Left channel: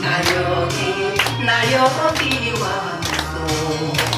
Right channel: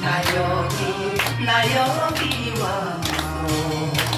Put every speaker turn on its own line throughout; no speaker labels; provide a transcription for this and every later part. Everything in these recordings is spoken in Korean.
나 여기 나 여기 왔어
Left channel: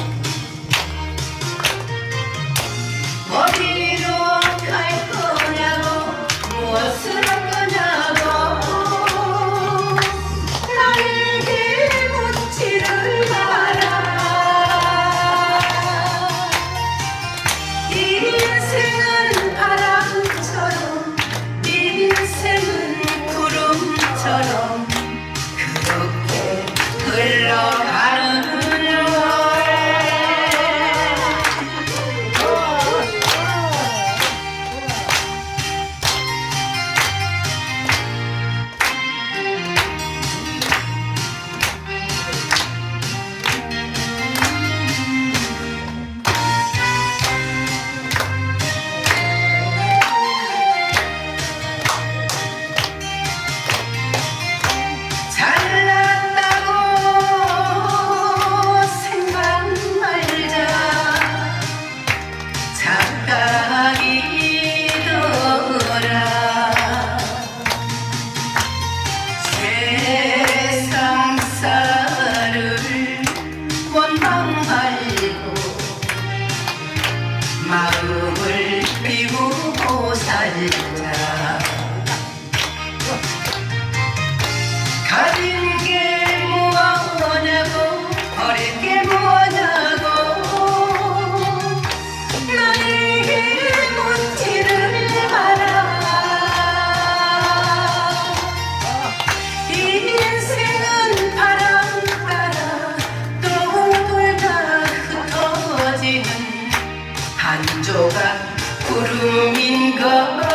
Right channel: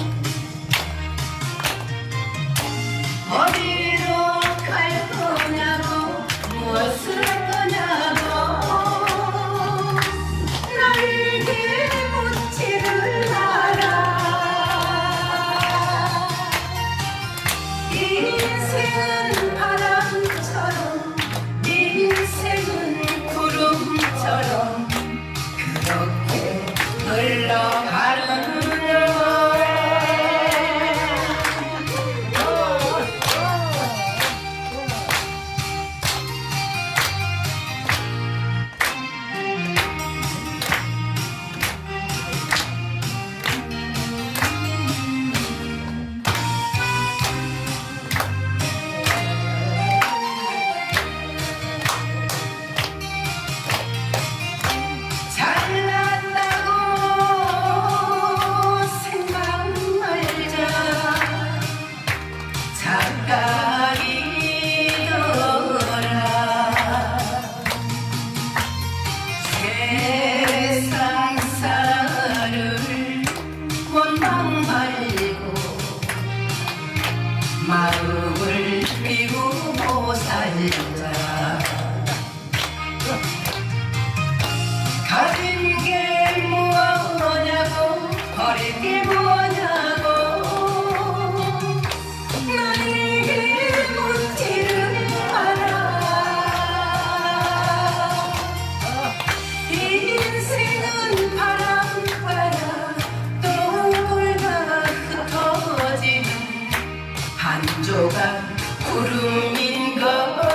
미우고 살자 go.